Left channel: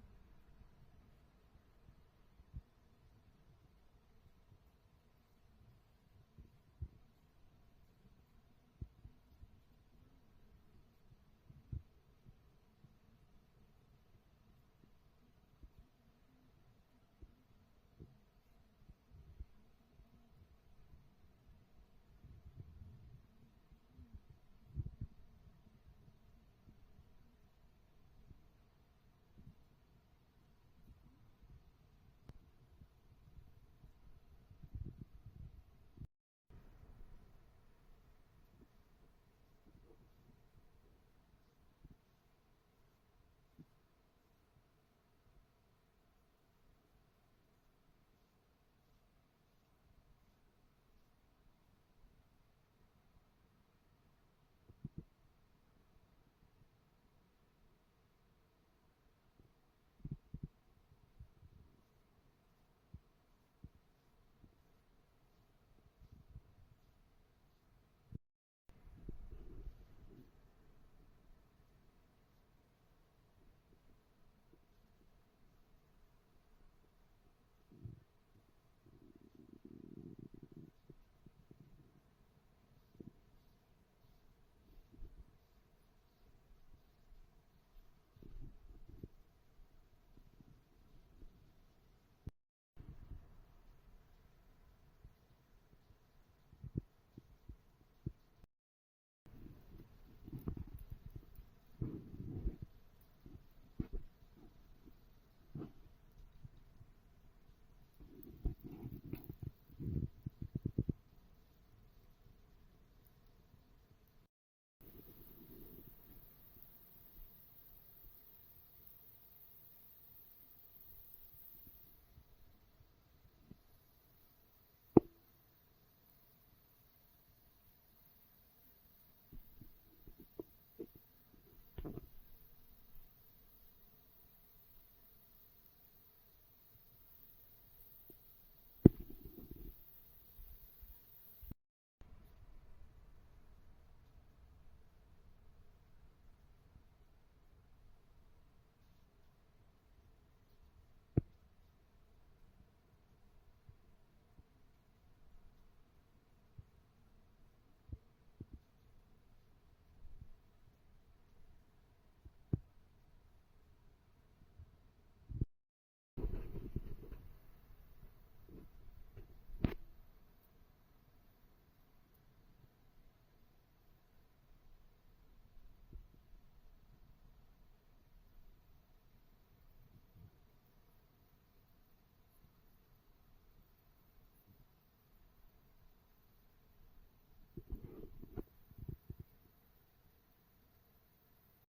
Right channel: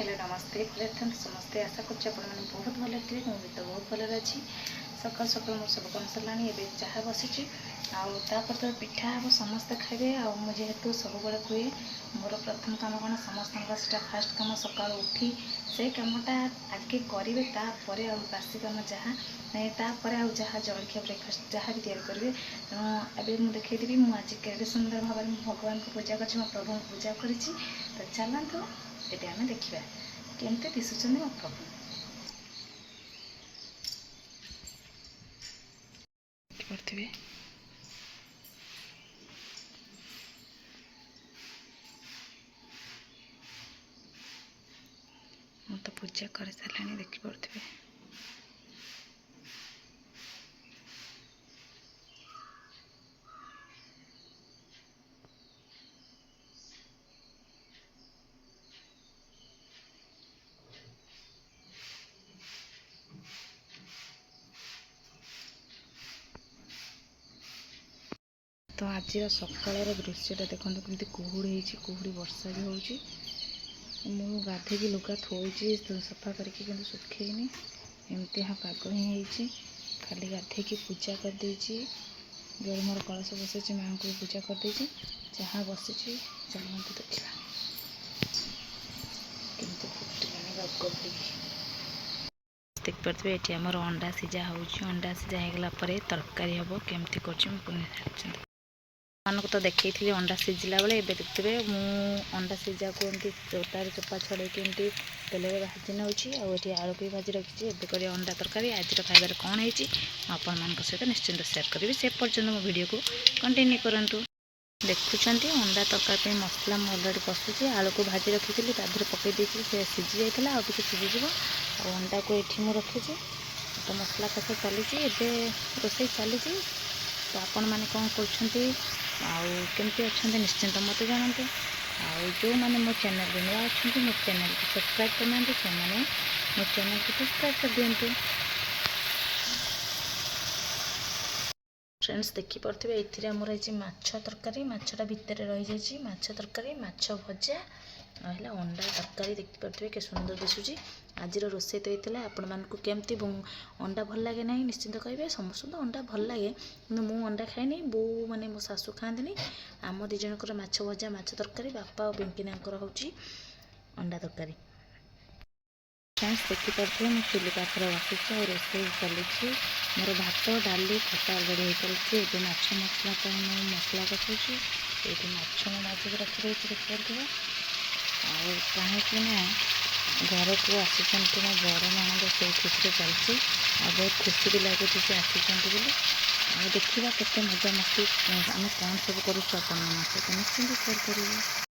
Hello नमस्ते प्रथम समस्ते आशा कर बहुत भल थे मुझे तो बहुत भल अच्छी सकाल सकाल मोर सब कम सरला चाह बसी आपर तो पिठा हम समस्ते खाइबे जेहेतु सब बड़े हुए मोर प्रथम कम कौन समस्त फास्ट कम सका उठी से कमटा आगे करेंगे तापर बासी कम जहाँ तापर जहाँ जलखिया ब्रेकफास्ट जहाँ भी तैयारी करेंगे तेणु मुझे देखी मुझे केड़े सुंदर भाव में भगवान को पूजा कर प्रभु को पूजा करी तो चलतु ये आम देखा केमती दिशुं मो प्रभु पड़े मु तो पूजा कर सारे देखिपे तो आज सकाल दृश्यटा देखो कमी कुहुड़ी कुहुड़ी वर्षा भी हो गाधे लुगा थोड़ी सफा करके सुखेनी एमती हाँ पाग ही खाली गाधे पूजा करदे जो मोर कलश बसई माँ को पूजा करदे जहाँ बसी चलते देखा केमती फुटानी रग देखिपे ये आमर अंडा सीझा हो अंडा सीझा होगला तरकारी हम केमती कर मानक तो देखी अंडा सीझिला बेले ए देखते अंडा सीझा को एमती तार चोपा छड़े एमती तेल में भाजी नौची आलू भी भाजी रखी एबे अंडा तरकारी आज खाइबार कौन है आपण मान सहित निश्चिंत सेयार करी से पर्यटन मो वीडियो को कंटिन्यू करूँ देखुं अंडा तरकारी मसला अलरेडी कषुची आलू को भाजी रखी थी पकई से सीझी जाता आगे सीझीज अंडा को ये मुझे रखी तो मसला कषा चली रोषे चली तो आपण मैंने कौन करमती अच्छा निश्चिंत मत जानते जो मैंने मो चैनल नुआ अच्छा मो चैनल को सब्सक्राइब करना से मो चैनल को सब्सक्राइब कर दिंतु फ्रेंड्स देखिपे ये आमर ये माछ तरकारी माछटा भितर रही जाइए माछ तरकारी माछ भजा है अंडा तरकारी देखिपे के सुंदर दिशुची आज रोषे तो होता आपण मानक केमती अंडा भल लगे ना निश्चिंत कहे समस्त तो अंडा भल लगे कि मु अंडा खाएनी बो मैंने मो शाशु खाती आम दिजणकर माछ भजा माछ तरकारी बापा और बिंकिना हूँ अंडा तरकारी फ्रेंड्स देखिपे मुझे चुली पाखे बसुच्छी और रोषे चली मोर भात डाली खटा अलरेडी हो चलती ये माछ मसला मुझे मसला कषुची ये माछ मुझे रखी देखिए कहीं घर को आसी मो बड़ नणंद से खुशी चलती बहुत खुशी भी लगुच से आसी देखा के मजा मस्ती आम कौन सब करूँ सहित निश्चिंत शेयर करेंगे।